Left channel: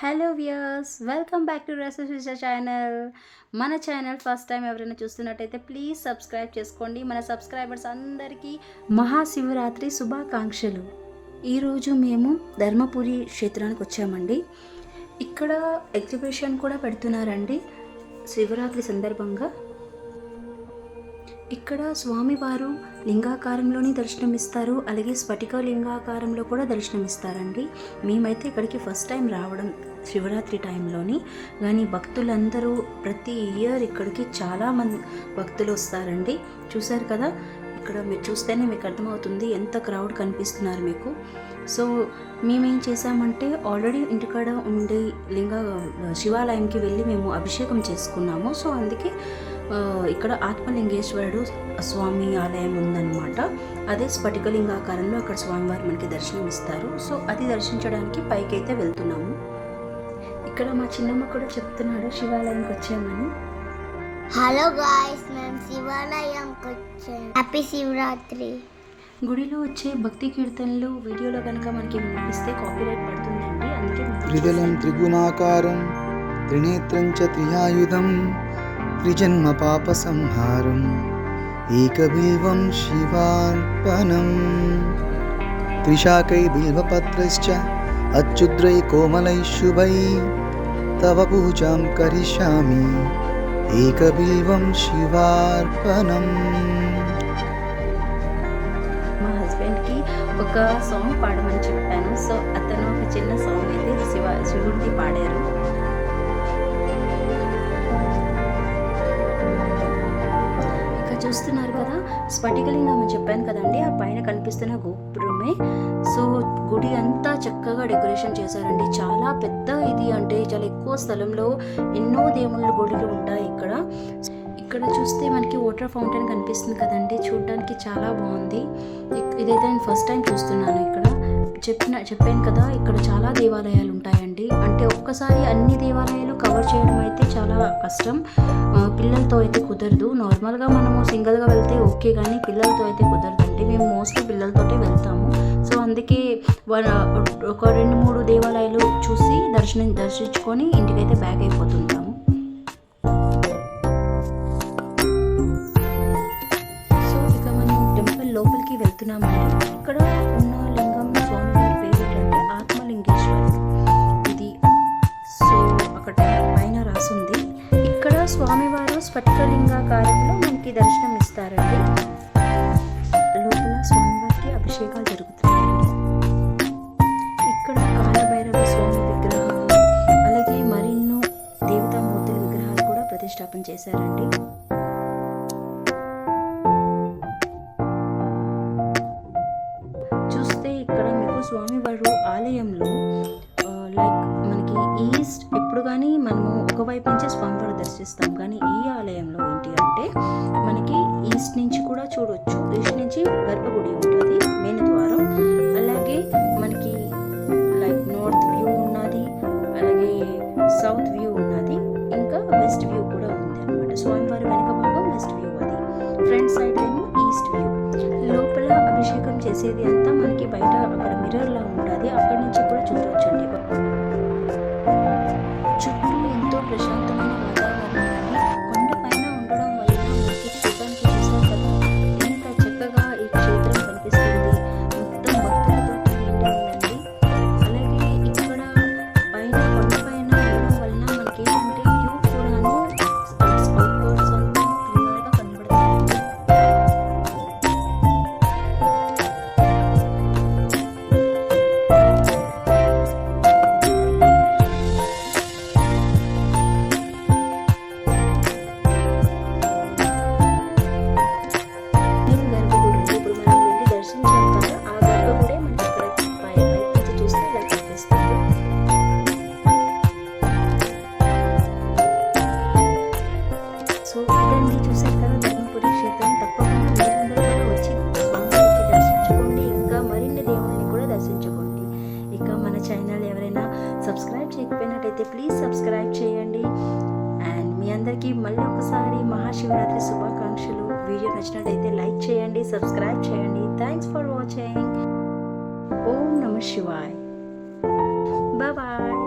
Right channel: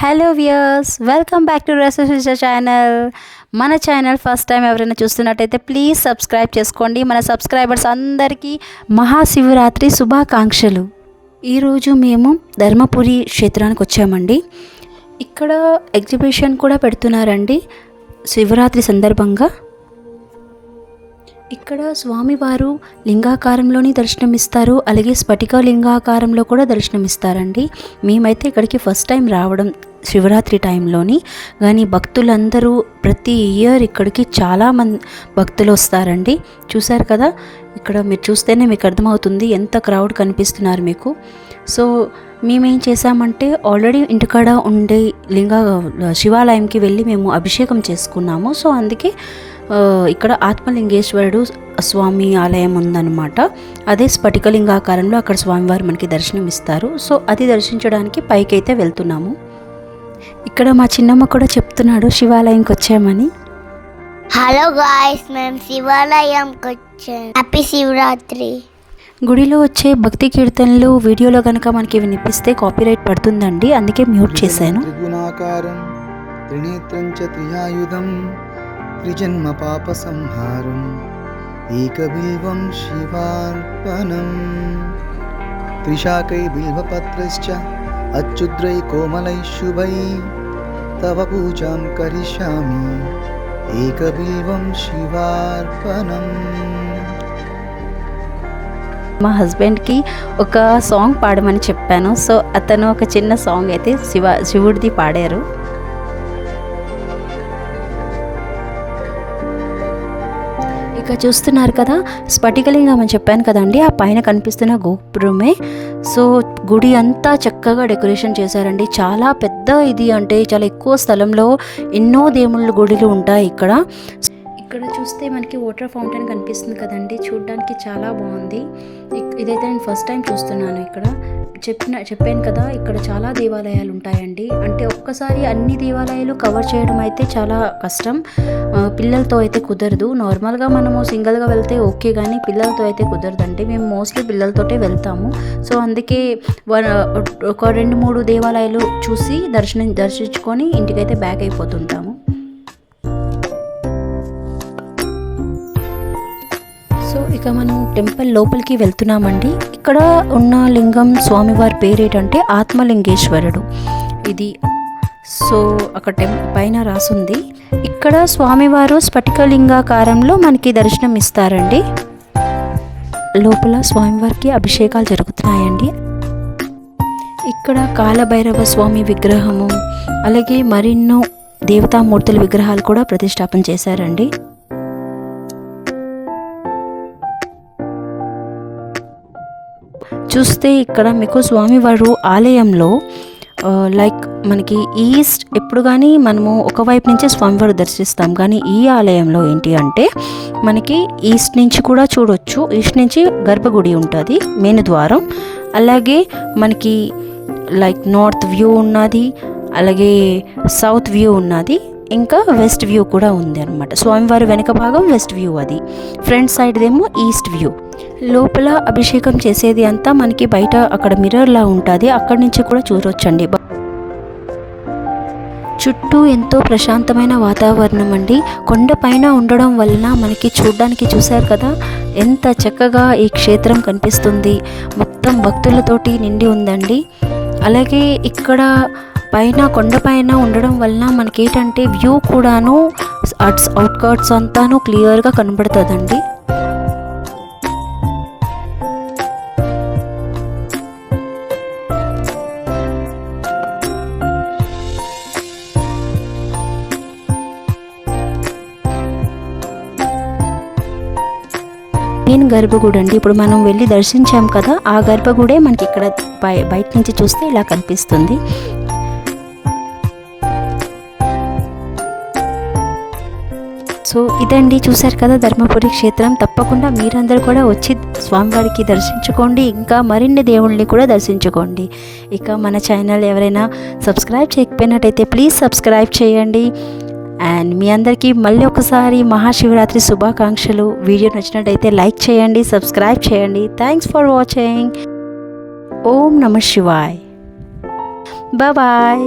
Hello viewers, welcome back to recipes channel. మన channel first time ఎవరైనా చూస్తున్నట్టయితే please subscribe చేసుకోండి. మన సబ్స్క్రైబర్స్ అందరికీ మహాశివరాత్రి శుభాకాంక్షలు. ఈరోజు మేము ధర్మపురి క్షేత్రానికి వచ్చామండి. ఇక్కడ ఎగ్జిబిషన్ కూడా పెడుతున్నారండి శివరాత్రి సందర్భంగా. ఇక్కడ స్వామివారు లింగాకారంలోని దర్శనమిస్తారు, అలాగే స్ఫటిక లింగాకారంలో కూడా దర్శనమిస్తారండి. మేమైతే ఇక్కడికి ఫస్ట్ టైం రావడం శివరాత్రి టైంలోని, కానీ భక్తులందరూ ప్రతి ఇయర్ ఇక్కడికి చాలామంది భక్తులు వస్తారండి. చూశారు కదా, ఇక్కడ మీరు చూస్తేనే మీకు అర్థమవుతుంది ఎంత క్రౌడ్ కనిపిస్తున్నారు మీకు. సో మేమేం చేసామంటే ఆల్రెడీ ఇంటికాడ ఉండే శివాలయంకి వెళ్ళి మేము అభిషేకం చేసుకున్నాము. సో అందుకే ఇక్కడ ఆత్మలింగేశ్వరుడు స్వామి ఆలయం ఉందన్నమాట. అదే స్ఫటికలింగాకారంలో అక్కడ స్వామివారు మనకి దర్శనం ఇస్తారు. సో అది దర్శించడానికి పైకి అయితే వెళ్తున్నాము. ఇక్కడ మా చిన్నమ్మ కూడా చెప్తున్నాడు శివాలయంకి వచ్చామని. హలో గాయ్స్, మేము శివాలయంకి వచ్చాం. హ్యాపీ శివరాత్రి. గుడిలో వచ్చే భక్తి కీర్తనలు వీడియోలో కనుక మనకి వినిపిస్తే కాపీరైట్ పడుతుందండి, అందుకే మ్యూట్ చేశాను. త్రిగుణాకారం త్రినేత్రం చ త్రియాయుధం త్రిజన్మ పాప సంహారం ఏకబిల్వం శివార్పణం త్రిశాకై బిల్వపత్రైశ్చ అచ్యుద్రై కోమలై శుభై తవ పూజాం కరిష్యామి ఏకబిల్వం శివార్పణం. మా హస్బెండ్కి ఒక సాంగ్ పాడమని చెప్పాను. సో అతను ఒక చిన్న సాంగ్ అయితే శివుడిది పాడారు. ఇక చూస్తున్నారు కదా, స్ఫటికలింగం అని చెప్పాను కదండి, ఆ పైన కనిపిస్తున్న గోపురమే. సో గుడి అంతా చక్కగా డెకరేషన్ చేశారండి. చాలా పెద్ద ఇది, అంటే చాలా ఎక్కువ స్థలంలో ఎన్నో దేవుళ్ళ గుడిలు ఉంటాయి ఇక్కడ. ఇక్కడ చూస్తే మనకి వాటర్ ఫౌంటైన్ కనిపిస్తుంది కదండి, చూడడానికి చాలా బాగుంది. ఇదైతే నేను ఫస్ట్ టైం చూస్తున్నాను. ఇక్కడ చెప్పాను కదా, ఇక్కడ చాలా దేవాలయాలు ఉంటాయండి. అంటే ఒక్కసారి అన్ని దేవాలయాలు కవర్ చేయడం అయితే చాలా కష్టం. పిల్లలతో అయితే కుదరదు. నార్మల్గా మనము సింగిల్గా వెళ్తే ఓకే, కానీ పిల్లలతో అయితే కుదరదండి. మేము మోస్ట్లీ పిల్లలతోటే వెళ్తాము. సో అందుకే ఒక 2-3 దేవాలయాలు చూసి దర్శించుకొని ఇంటికైతే బ్యాక్ అయిపోతుంటాము. ఇక మనం టెంపుల్ లోపలికి వెళ్తున్నామండి. ఇక్కడ ఉన్న లింగం స్వామివారి పేరు ఏంటంటే ఆత్మలింగేశ్వరుడు ఇది. సో అక్కడ పైన రాసుంది. ఇక్కడ స్వామివారు స్ఫటికలింగాకారంలో మనకి దర్శనం ఇస్తారండి. లోపల స్వామివారికి అభిషేకాలు జరుగుతున్నాయండి. ఇక్కడ కాలభైరవ స్వామి విగ్రహము, అలాగే మరెన్నో దేవతామూర్తుల విగ్రహాలు కూడా ప్రతిష్టాపన చేశారండి. చూస్తే ఇక్కడ మీకు స్వామివారు ఆలయంలో లైక్ మనకి ఈస్ట్ ఎప్పుడు కానీ మనము ఒకవైపు నుంచే స్వామివారు దర్శిస్తాం, కానీ ఈ ఆలయంలో ఏంటి అంటే మనకి ఈస్ట్ నుంచి కూడా చూడొచ్చు. ఈస్ట్ నుంచి గర్భగుడి ఉంటుంది, మెయిన్ ద్వారం. అలాగే మనకి లైక్ నార్త్ వ్యూ ఉన్నది, అలాగే సౌత్ వ్యూ ఉన్నది, ఇంకా వెస్ట్ వ్యూ కూడా ఉంది అనమాట. స్వామివారి వెనక భాగం వెస్ట్ వ్యూ, అది ఫ్రంట్ సైడ్ ఏమో ఈస్ట్ వ్యూ. లోపల అభిషేకం చేసేది అంతా మనకి బయట అక్కడ మిర్రర్లా ఉంటుంది, అక్కడి నుంచి కూడా చూడొచ్చండి. చుట్టూ ఎంతో ప్రశాంతమైన వాతావరణం అండి. కొండపైన ఉండడం వలన మనకి చూడడానికి, చూశారు కదా ఎంత చక్కగా ఈ క్షేత్రం కనిపిస్తుంది. మొత్తం భక్తులతోటి నిండి ఉందండి. అలాగే ఇక్కడ పైన కొండపైన ఉండడం వలన మనకి ఏంటంటే వ్యూ కూడాను అవుట్కట్స్ అంతాను క్లియర్గా కనబడుతుందండి. మెయిన్ గర్భగుడి అండి. ఇప్పుడు మనం వెళ్ళి దర్శించాం కదా, ఆ గర్భగుడే మనకి ఇక్కడ బయట నుంచి చూస్తే ఇలా కనిపిస్తుంది. సో ఇదండి, చూశారు కదా ధర్మపురి క్షేత్రం. తప్పకుండా మీరందరూ కూడా వచ్చి స్వామివారికి దర్శించుకోండి, ఇంకా మరిన్ని దేవుళ్ళని కూడా దర్శించుకోండి. ఇక మన ఛానల్ ఎవరైనా సబ్స్క్రైబ్ చేయకపోయినట్టయితే ప్లీజ్ సబ్స్క్రైబ్ చేయండి. అండ్ మీ అందరికీ మళ్ళీ ఒకసారి మహాశివరాత్రి శుభాకాంక్షలు. వీడియో నచ్చినట్టయితే లైక్ చేయండి, సబ్స్క్రైబ్ చేయండి. Thanks for watching. ఓం నమః శివాయ్. బాయ్.